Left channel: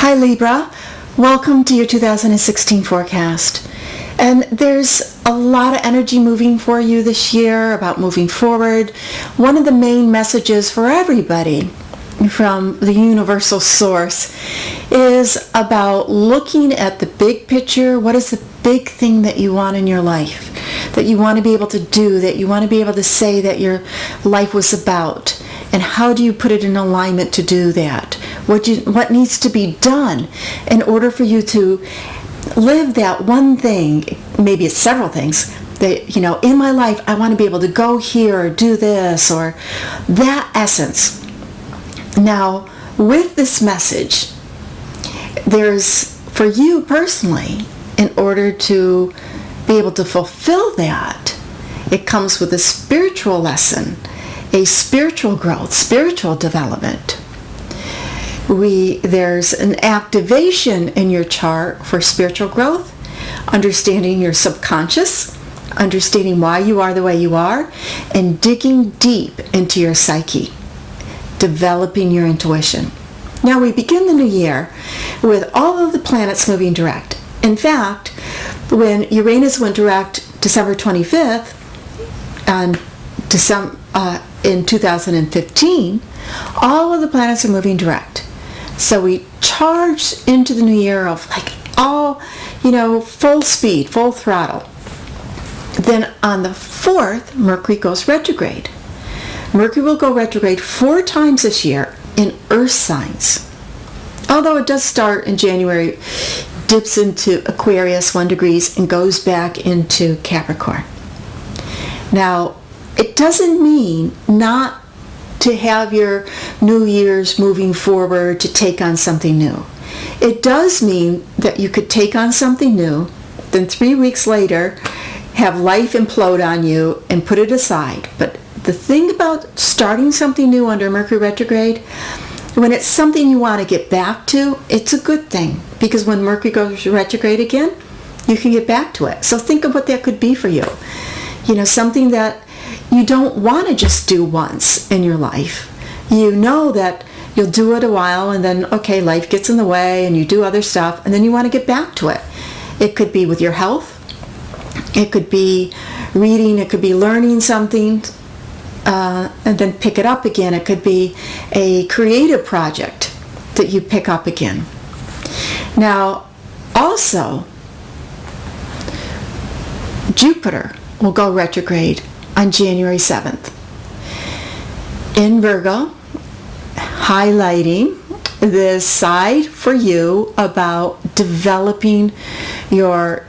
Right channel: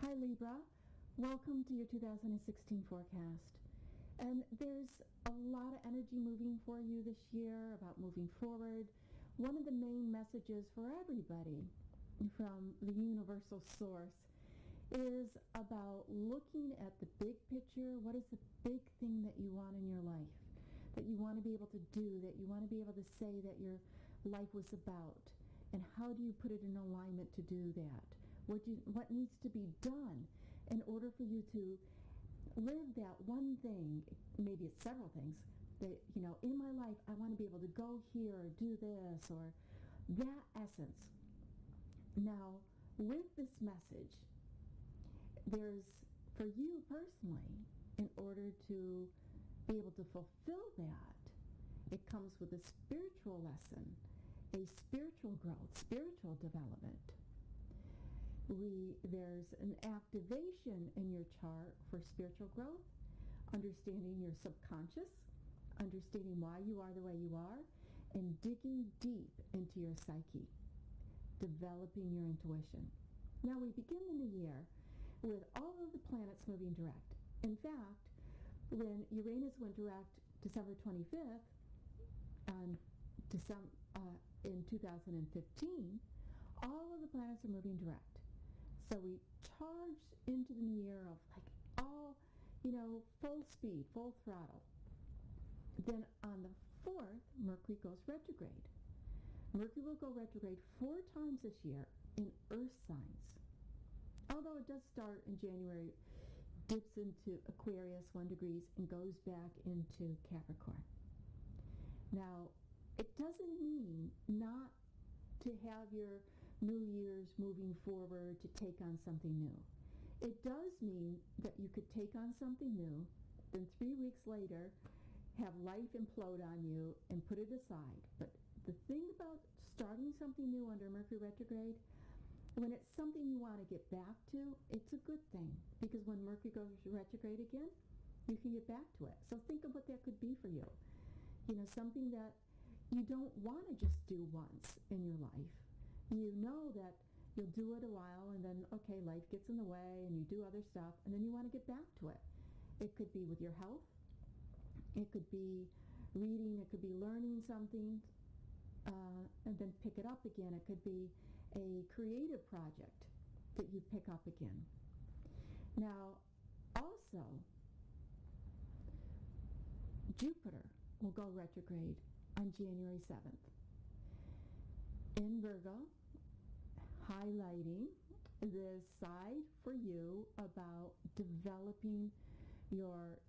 Hi Libra, welcome to your 2016 forecast. And there's a lot of energy moving for you this year about moving forward. One of the main messages for everybody from the universal source is about looking at the big picture. What is the big thing that you want in your life, that you want to be able to do, that you want to be able to say that your life was about? And how do you put it in alignment to do that? What needs to be done in order for you to live that one thing? Maybe it's several things that, in my life, I want to be able to go here or do this or that essence. Now, with this message, there's, for you personally, in order to be able to fulfill that, it comes with a spiritual lesson, a spiritual growth, spiritual development. There's an activation in your chart for spiritual growth, understanding your subconscious, understanding why you are the way you are, and digging deep into your psyche, developing your intuition. Now we begin the new year with all of the planets moving direct. In fact, when Uranus went direct December 25th and in 2015, all of the planets are moving direct. So we charged into the new year of full speed, full throttle. Then on the 4th, Mercury goes retrograde. Mercury will go retrograde 4 times this year in Earth signs. Although it does start in January, dips into Aquarius 1 degrees and goes back into Capricorn. Now, it doesn't mean not to have your New Year's moving forward to take on something new. It does mean that you could take on something new, then 3 weeks later have life implode on you and put it aside. But the thing about starting something new under Mercury retrograde, when it's something you want to get back to, it's a good thing, because when Mercury goes retrograde again, you can get back to it. So think of what that could be for you. Something that you don't want to just do once in your life. You know that you'll do it a while and then, okay, life gets in the way and you do other stuff and then you want to get back to it. It could be with your health. It could be reading. It could be learning something and then pick it up again. It could be a creative project that you pick up again. Now, also, Jupiter will go retrograde on January 7th in Virgo, highlighting this side for you about developing your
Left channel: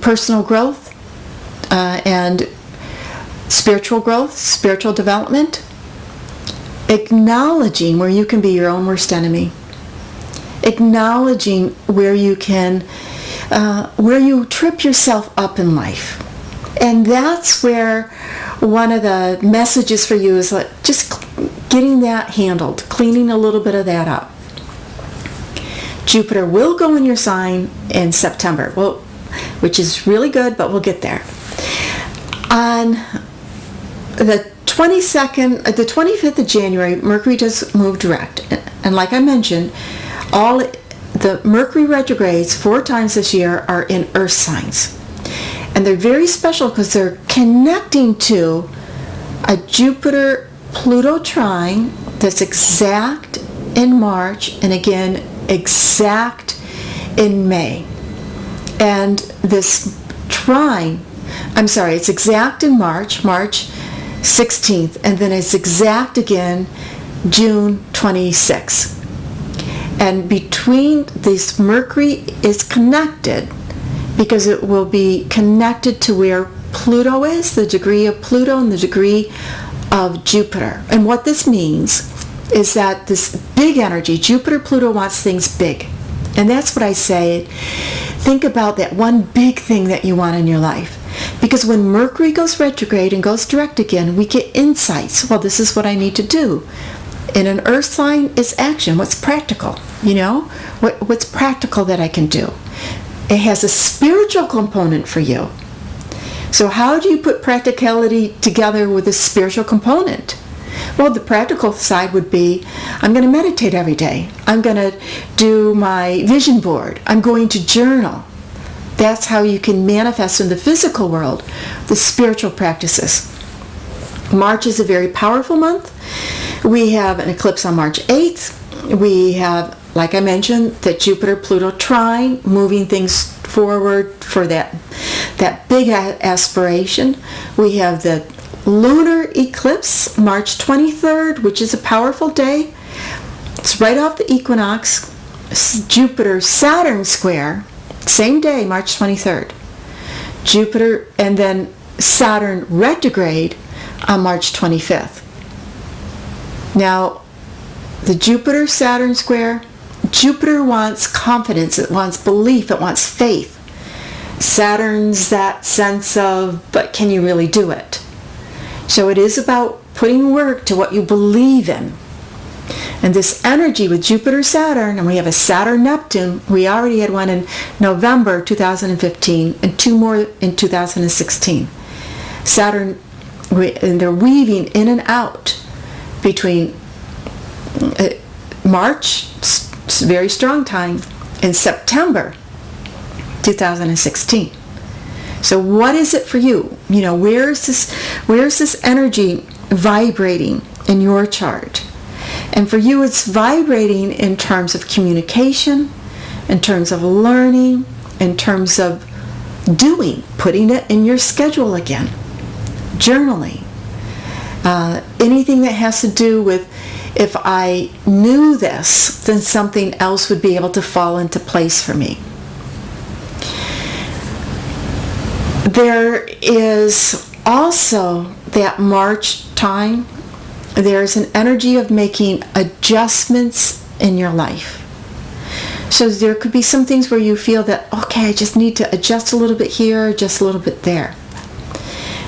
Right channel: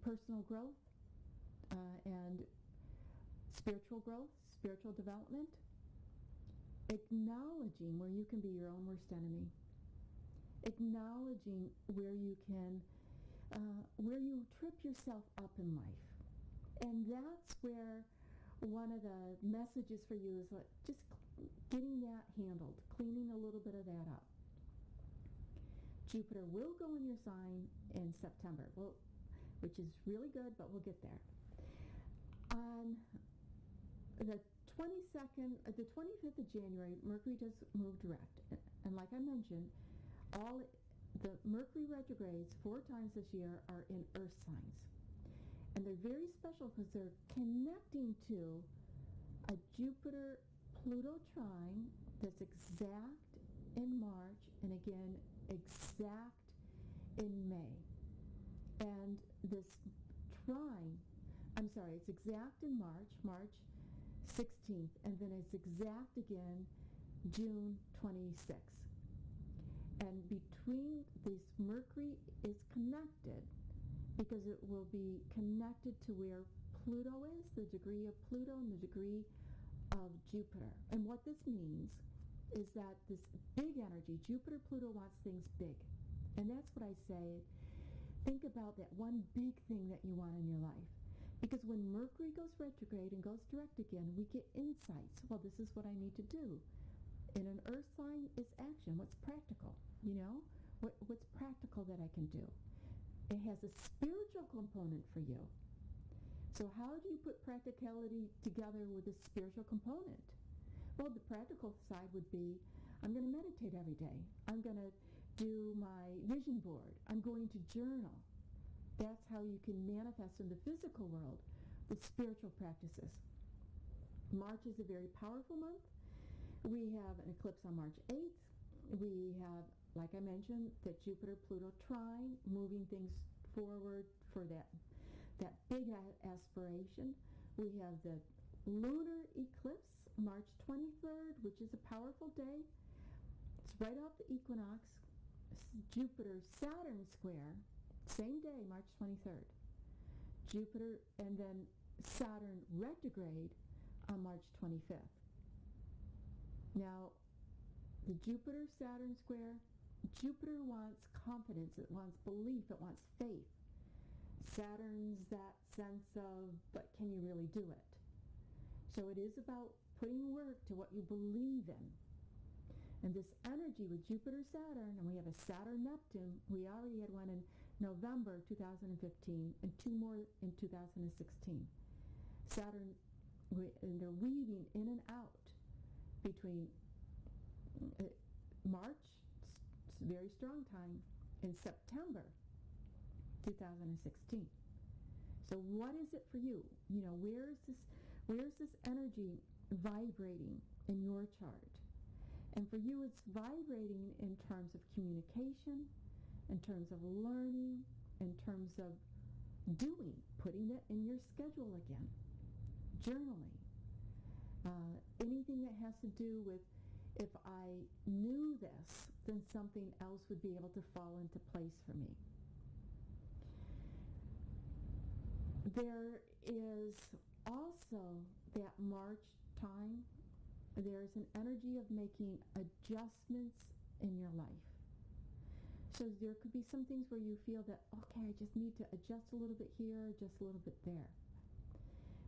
personal growth and spiritual growth, spiritual development, acknowledging where you can be your own worst enemy, acknowledging where you trip yourself up in life. And that's where one of the messages for you is just getting that handled, cleaning a little bit of that up. Jupiter will go in your sign in September, which is really good, but we'll get there. On the 25th of January, Mercury does move direct. And like I mentioned, all the Mercury retrogrades 4 times this year are in Earth signs. And they're very special because they're connecting to a Jupiter-Pluto trine that's exact in March and again exact in May. And this trine, it's exact in March 16th, and then it's exact again June 26th. And between this, Mercury is connected because it will be connected to where Pluto is, the degree of Pluto and the degree of Jupiter. And what this means is that this big energy, Jupiter-Pluto wants things big. And that's what I say. Think about that one big thing that you want in your life. Because when Mercury goes retrograde and goes direct again, we get insights. Well, this is what I need to do. In an Earth sign, it's action. What's practical? What's practical that I can do? It has a spiritual component for you. So how do you put practicality together with a spiritual component? Well, the practical side would be, I'm going to meditate every day. I'm going to do my vision board. I'm going to journal. That's how you can manifest in the physical world the spiritual practices. March is a very powerful month. We have an eclipse on March 8th. We have, like I mentioned, the Jupiter-Pluto trine, moving things forward for that big aspiration. We have the lunar eclipse, March 23rd, which is a powerful day. It's right off the equinox. Jupiter-Saturn square, same day, March 23rd. Jupiter, and then Saturn retrograde on March 25th. Now, the Jupiter-Saturn square, Jupiter wants confidence, it wants belief, it wants faith. Saturn's that sense of, but can you really do it? So it is about putting work to what you believe in. And this energy with Jupiter-Saturn, and we have a Saturn-Neptune, we already had one in November 2015 and two more in 2016. Saturn, and they're weaving in and out between March, it's a very strong time, and September 2016. So what is it for you? You know, where's this energy vibrating in your chart? And for you, it's vibrating in terms of communication, in terms of learning, in terms of doing, putting it in your schedule again, journaling, anything that has to do with, if I knew this, then something else would be able to fall into place for me. There is also that March time, there's an energy of making adjustments in your life. So there could be some things where you feel that, okay, I just need to adjust a little bit here, just a little bit there.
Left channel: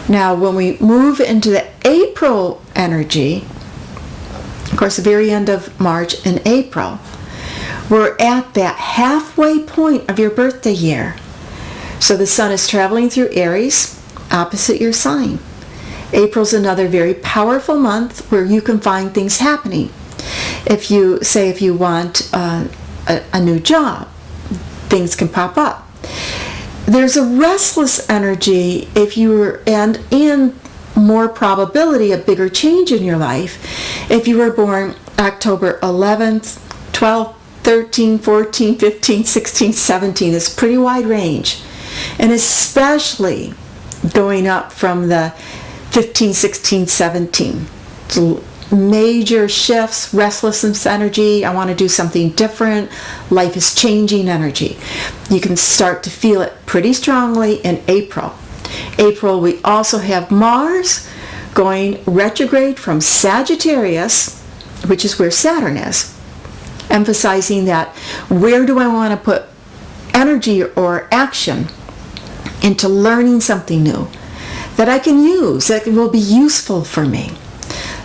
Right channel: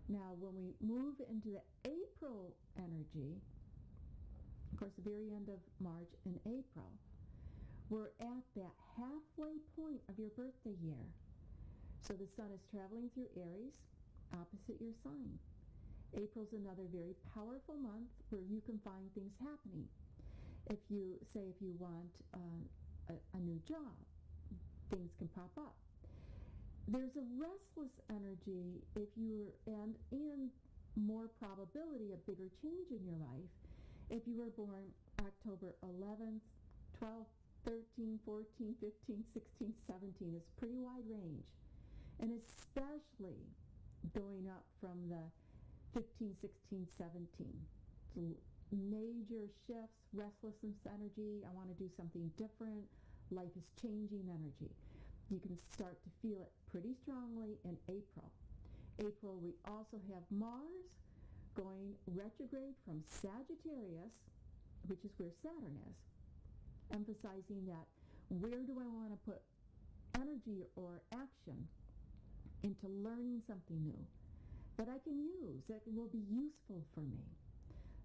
Now, when we move into the April energy, of course, the very end of March and April, we're at that halfway point of your birthday year. So the sun is traveling through Aries, opposite your sign. April's another very powerful month where you can find things happening. If you want a new job, things can pop up. There's a restless energy and in more probability a bigger change in your life if you were born October 11th, 12th, 13, 14, 15, 16, 17. It's a pretty wide range. And especially going up from the 15, 16, 17. So major shifts, restlessness energy, I want to do something different, life is changing energy. You can start to feel it pretty strongly in April. April, we also have Mars going retrograde from Sagittarius, which is where Saturn is, emphasizing that where do I want to put energy or action into learning something new that I can use, that will be useful for me.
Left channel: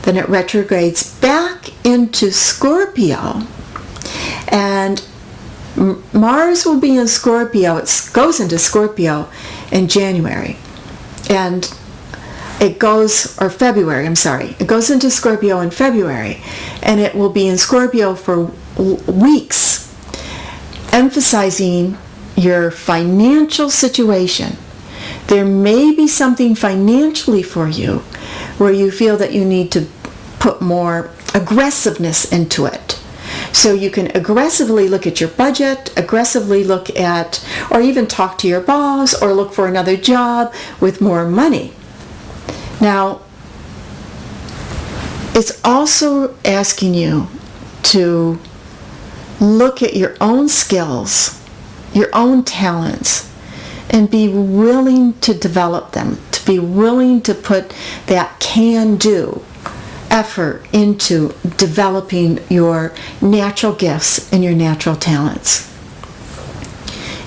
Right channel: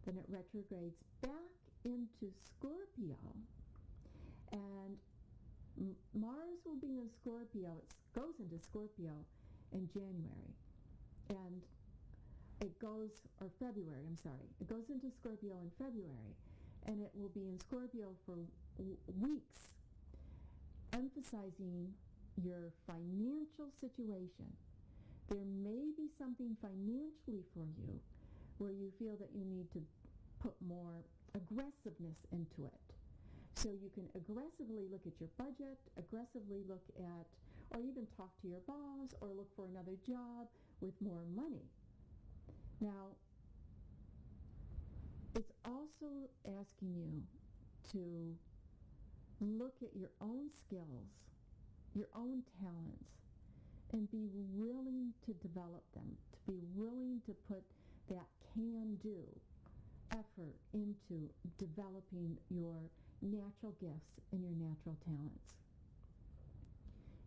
Then it retrogrades back into Scorpio, and Mars will be in Scorpio. It goes into Scorpio in January, and it goes into Scorpio in February, and it will be in Scorpio for weeks, emphasizing your financial situation. There may be something financially for you where you feel that you need to put more aggressiveness into it. So you can aggressively look at your budget, aggressively look at, or even talk to your boss, or look for another job with more money. Now, it's also asking you to look at your own skills, your own talents, and be willing to develop them, to be willing to put that can-do effort into developing your natural gifts and your natural talents.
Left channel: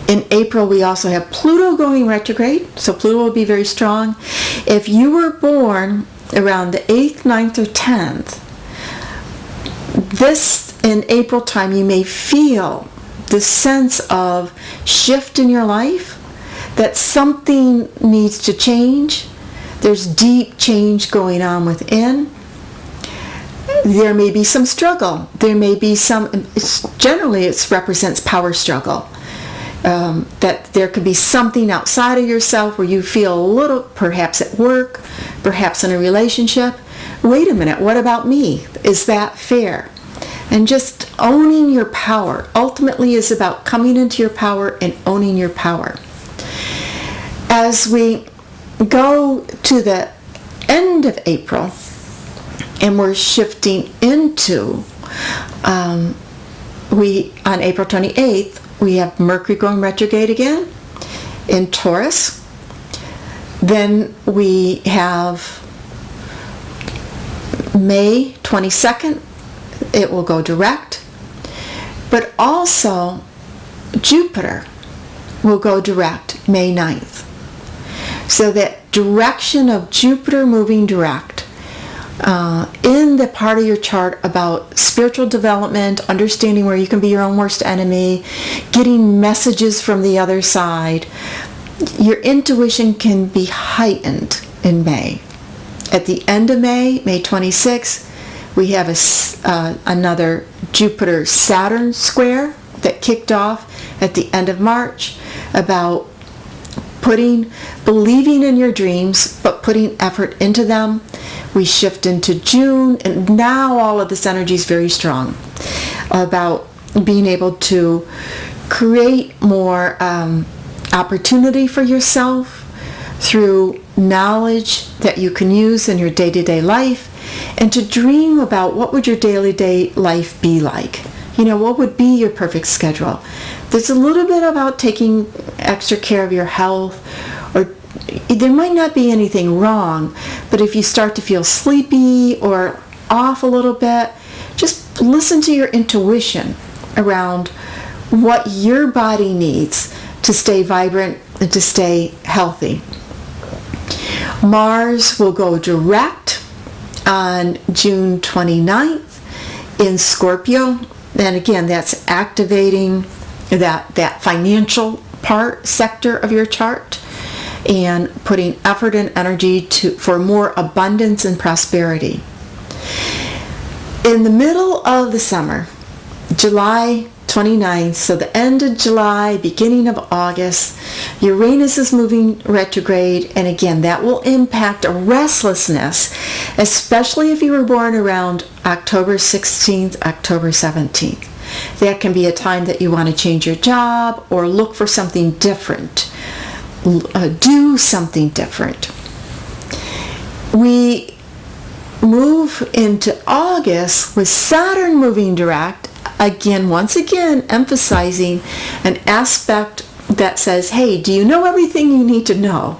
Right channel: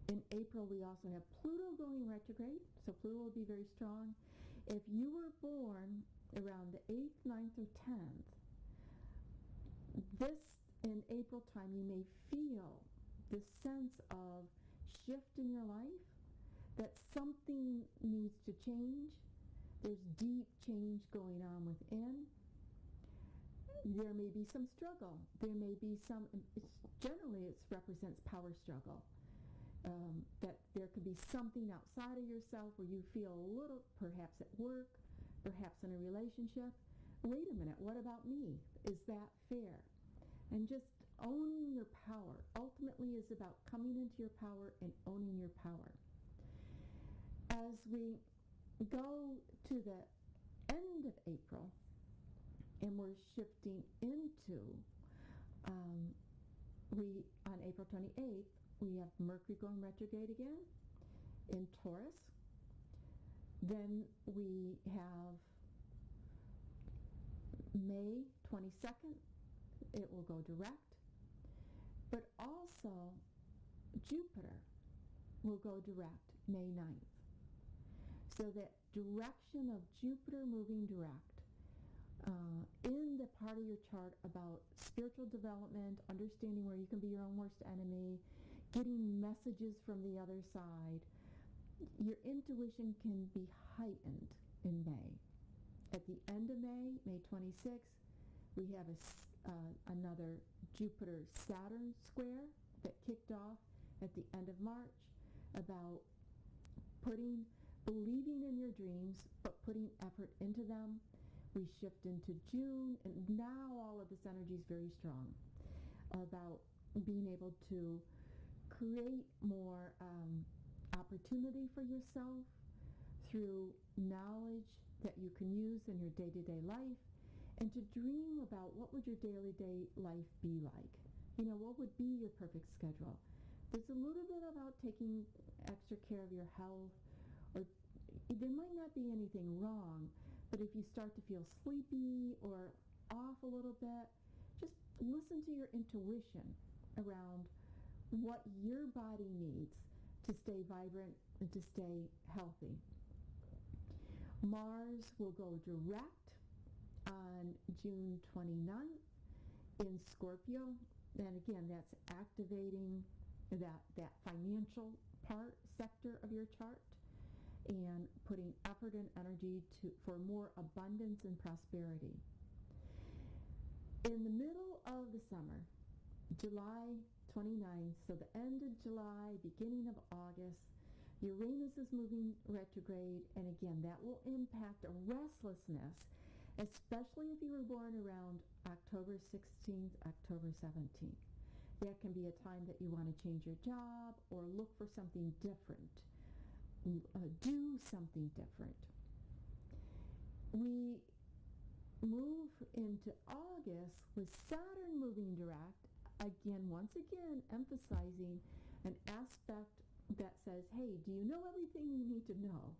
In April, we also have Pluto going retrograde, so Pluto will be very strong. If you were born around the 8th, 9th, or 10th, this in April time, you may feel the sense of shift in your life, that something needs to change. There's deep change going on within. there may be some struggle. There may be some, generally it represents power struggle. That there could be something outside of yourself where you feel a little, perhaps at work, perhaps in a relationship. Wait a minute, what about me? Is that fair? And just owning your power ultimately is about coming into your power and owning your power. As we go to the end of April and we're shifting into, on April 28th, we have Mercury going retrograde again in Taurus. Then we have May 22nd, it will go direct. But also Jupiter will go direct May 9th. So that direction of Jupiter moving direct in the part of your chart about spiritual development, understanding where you can be your own worst enemy, getting messages from the other side, your intuition can be heightened in May. At the end of May, May 26th, we have another Jupiter Saturn square that kicked off at the end of March about believing in your dreams, but putting effort into them. We shift into June, and now all of this energy is very strong about being able to create more opportunity for yourself through knowledge that you can use in your day-to-day life, and to dream about what would your daily life be like. What would be your perfect schedule? There's a little bit about taking extra care of your health, or there might not be anything wrong, but if you start to feel sleepy or off a little bit, just listen to your intuition around what your body needs to stay vibrant and to stay healthy. Mars will go direct on June 29th in Scorpio. And again, that's activating that financial sector of your chart and putting effort and energy for more abundance and prosperity. In the middle of the summer, July 29th, so the end of July, beginning of August, Uranus is moving retrograde, and again, that will impact a restlessness, especially if you were born around October 16th, October 17th. That can be a time that you want to change your job or look for something different, do something different. We move into August with Saturn moving direct, once again emphasizing an aspect that says, hey, do you know everything you need to know?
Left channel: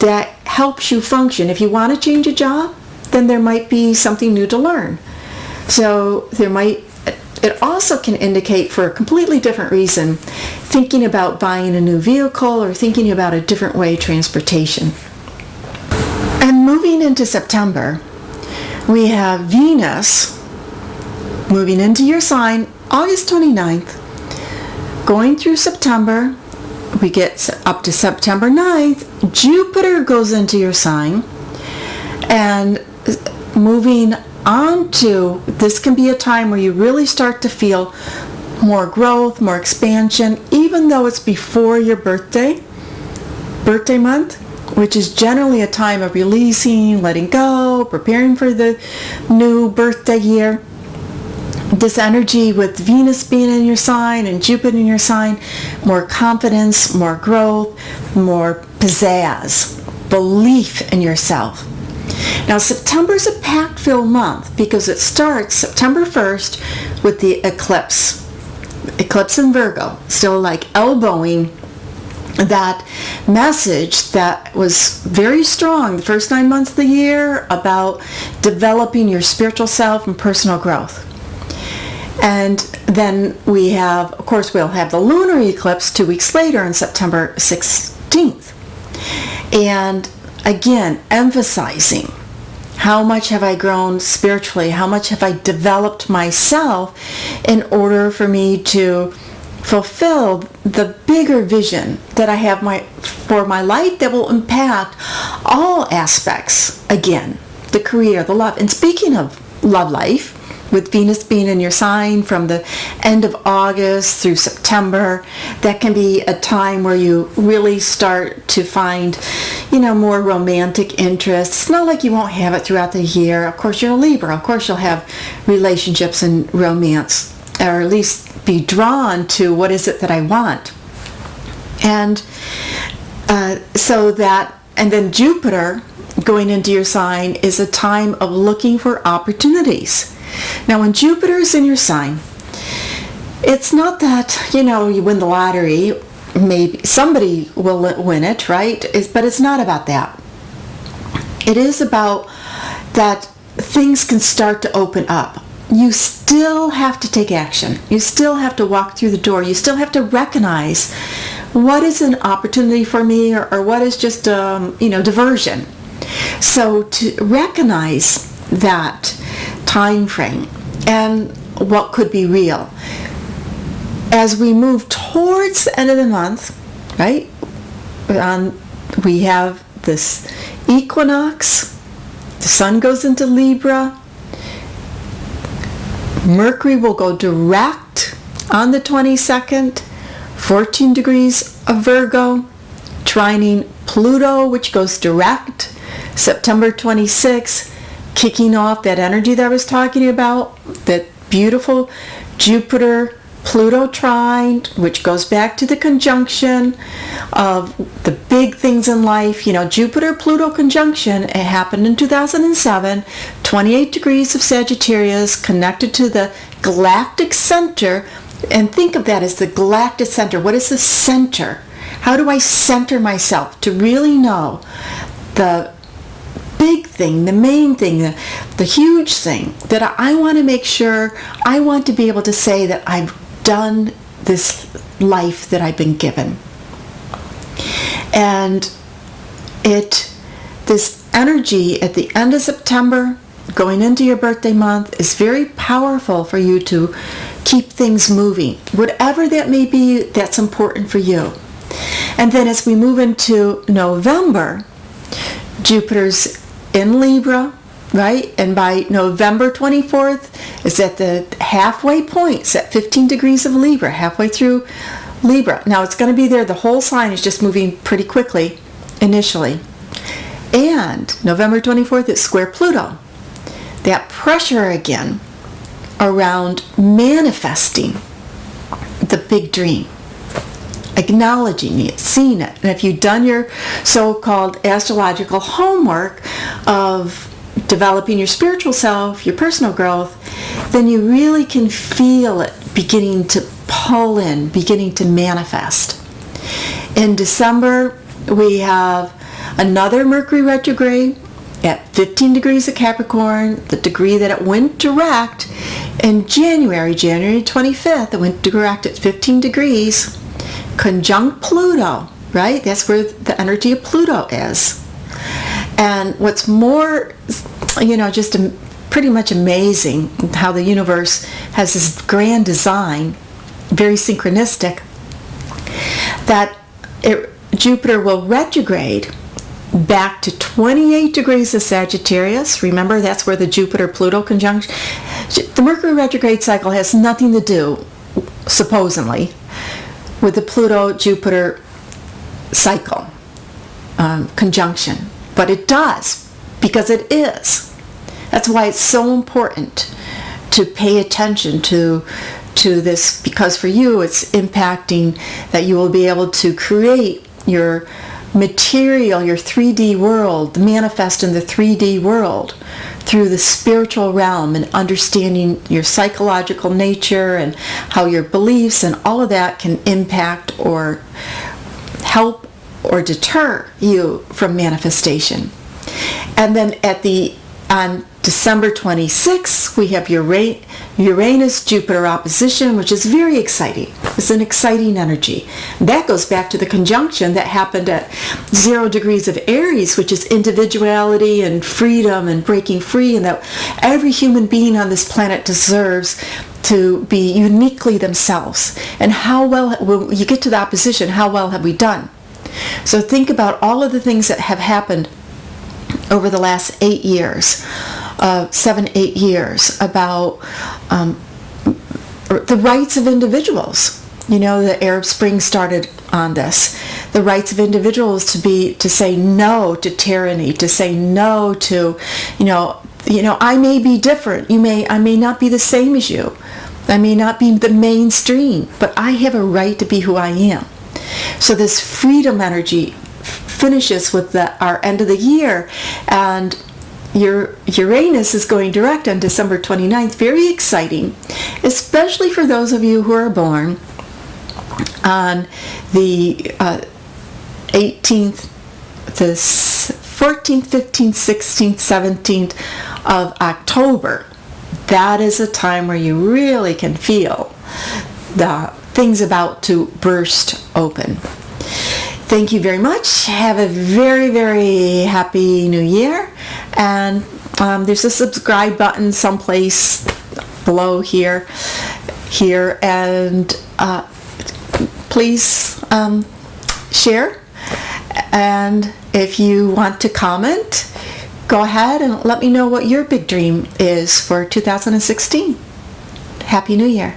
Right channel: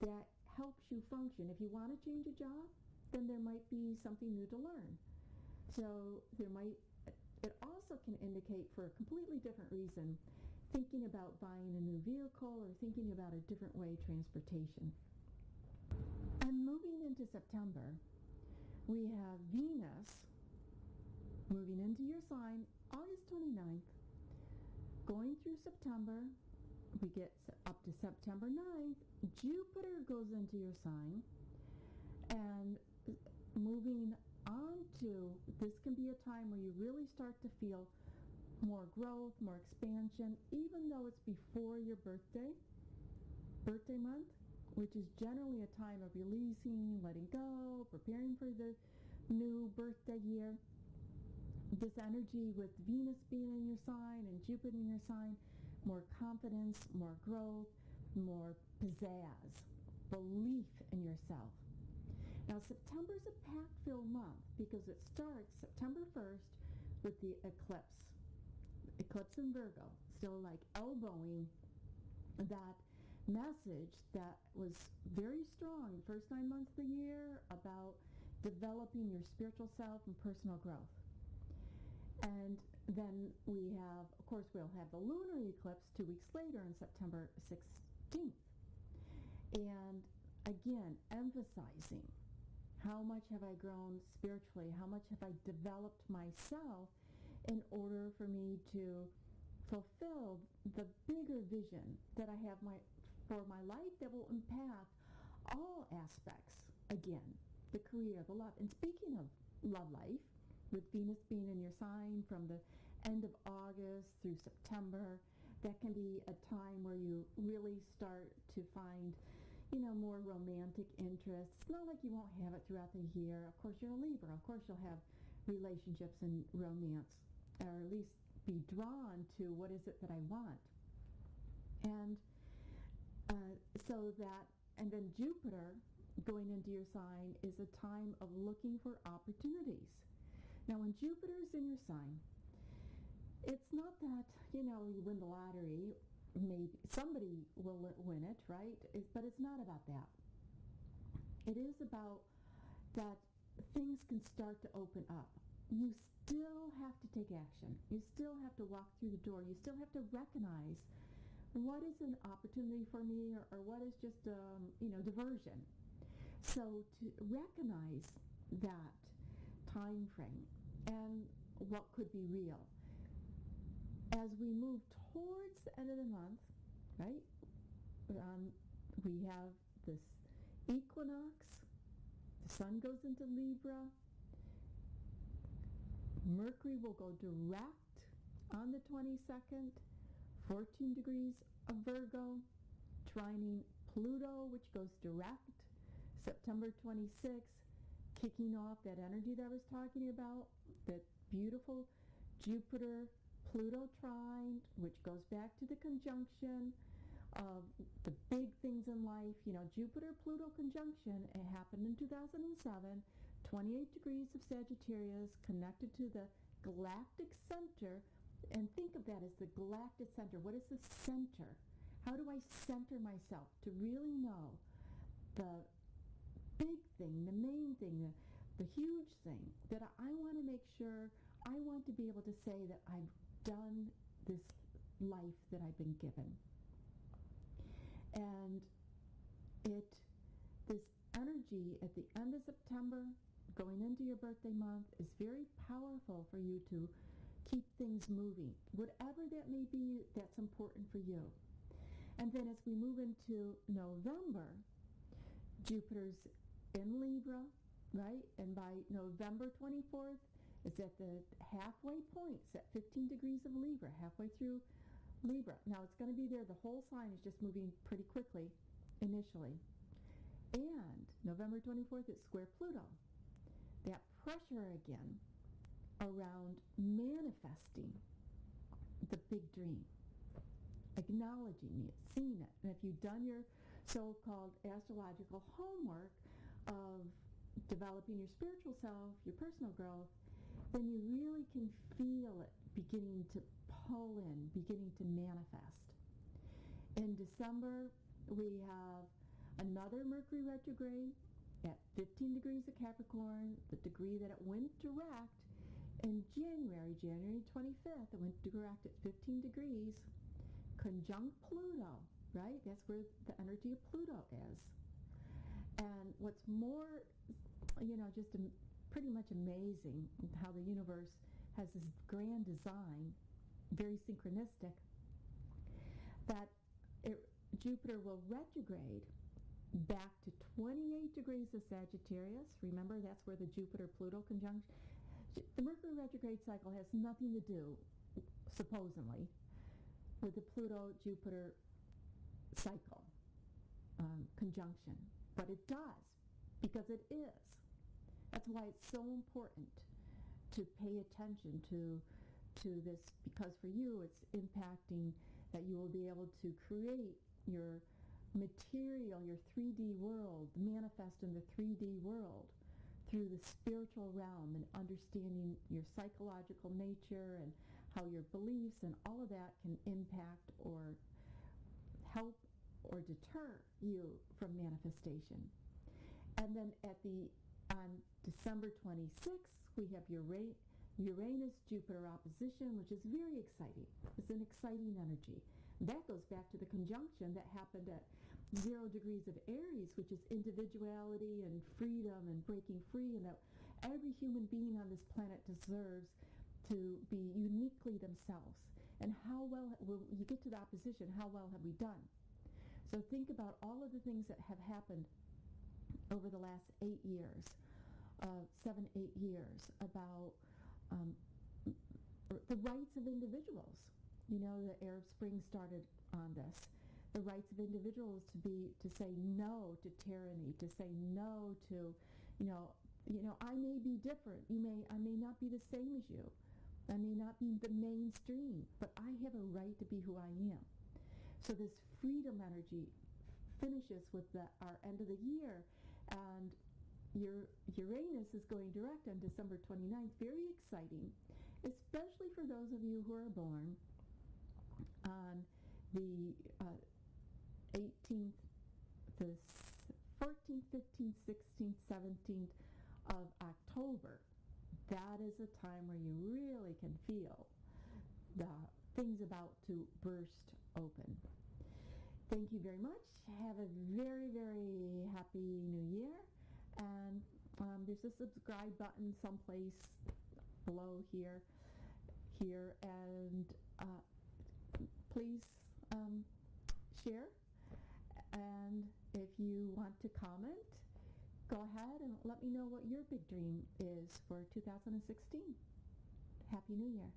That helps you function. If you want to change a job, then there might be something new to learn. So it also can indicate, for a completely different reason, thinking about buying a new vehicle or thinking about a different way of transportation. And moving into September, we have Venus moving into your sign August 29th, going through September. We get up to September 9th, Jupiter goes into your sign, and moving on to, this can be a time where you really start to feel more growth, more expansion, even though it's before your birthday month, which is generally a time of releasing, letting go, preparing for the new birthday year. This energy with Venus being in your sign and Jupiter in your sign, more confidence, more growth, more pizzazz, belief in yourself. Now, September is a pact-filled month because it starts September 1st with the eclipse. Eclipse in Virgo, still like elbowing that message that was very strong the first 9 months of the year about developing your spiritual self and personal growth. And then we'll have the lunar eclipse 2 weeks later on September 16th. And again, emphasizing how much have I grown spiritually, how much have I developed myself in order for me to fulfill the bigger vision that I have for my life that will impact all aspects, again, the career, the love. And speaking of love life, with Venus being in your sign from the end of August through September. That can be a time where you really start to find, more romantic interests. It's not like you won't have it throughout the year. Of course, you're a Libra. Of course, you'll have relationships and romance, or at least be drawn to what is it that I want. And and then Jupiter going into your sign is a time of looking for opportunities. Now, when Jupiter is in your sign, it's not that, you win the lottery. Maybe somebody will win it, right? But it's not about that. It is about that things can start to open up. You still have to take action. You still have to walk through the door. You still have to recognize what is an opportunity for me, or what is just, diversion. So to recognize that time frame and what could be real. As we move towards the end of the month, right, we have this equinox, the sun goes into Libra, Mercury will go direct on the 22nd, 14 degrees of Virgo, trining Pluto, which goes direct September 26th, kicking off that energy that I was talking about, that beautiful Jupiter-Pluto trine, which goes back to the conjunction of the big things in life. Jupiter-Pluto conjunction, it happened in 2007, 28 degrees of Sagittarius, connected to the galactic center. And think of that as the galactic center. What is the center? How do I center myself to really know the big thing, the main thing, the huge thing that I want to make sure, I want to be able to say that I've done this life that I've been given. And this energy at the end of September, going into your birthday month, is very powerful for you to keep things moving. Whatever that may be, that's important for you. And then as we move into November, Jupiter's in Libra, right? And by November 24th, it's at the halfway point. It's at 15 degrees of Libra, halfway through Libra. Now, it's going to be there. The whole sign is just moving pretty quickly initially. And November 24th, it's square Pluto. That pressure again around manifesting the big dream, acknowledging it, seeing it. And if you've done your so-called astrological homework of developing your spiritual self, your personal growth, then you really can feel it beginning to pull in, beginning to manifest. In December, we have another Mercury retrograde at 15 degrees of Capricorn, the degree that it went direct in January 25th, it went direct at 15 degrees, conjunct Pluto, right? That's where the energy of Pluto is. And what's more, just pretty much amazing how the universe has this grand design, very synchronistic, that Jupiter will retrograde back to 28 degrees of Sagittarius. Remember, that's where the Jupiter-Pluto conjunction. The Mercury retrograde cycle has nothing to do, supposedly, with the Pluto-Jupiter cycle conjunction. But it does, because it is. That's why it's so important to pay attention to this, because for you it's impacting that you will be able to create your material, your 3D world, manifest in the 3D world through the spiritual realm, and understanding your psychological nature and how your beliefs and all of that can impact or help or deter you from manifestation. And then on December 26th, we have Uranus-Jupiter opposition, which is very exciting. It's an exciting energy. That goes back to the conjunction that happened at 0 degrees of Aries, which is individuality and freedom and breaking free, and that every human being on this planet deserves to be uniquely themselves. And how well, when you get to the opposition, how well have we done? So think about all of the things that have happened over the last 8 years. 7-8 years about the rights of individuals. You know, the Arab Spring started on this. The rights of individuals to say no to tyranny, to say no to, I may be different. I may not be the same as you. I may not be the mainstream, but I have a right to be who I am. So this freedom energy finishes with our end of the year, and your Uranus is going direct on December 29th. Very exciting, especially for those of you who are born on the 18th, the 14th, 15th, 16th, 17th of October. That is a time where you really can feel the things about to burst open. Thank you very much. Have a very, very happy new year. And there's a subscribe button someplace below here. And please share. And if you want to comment, go ahead and let me know what your big dream is for 2016. Happy New Year.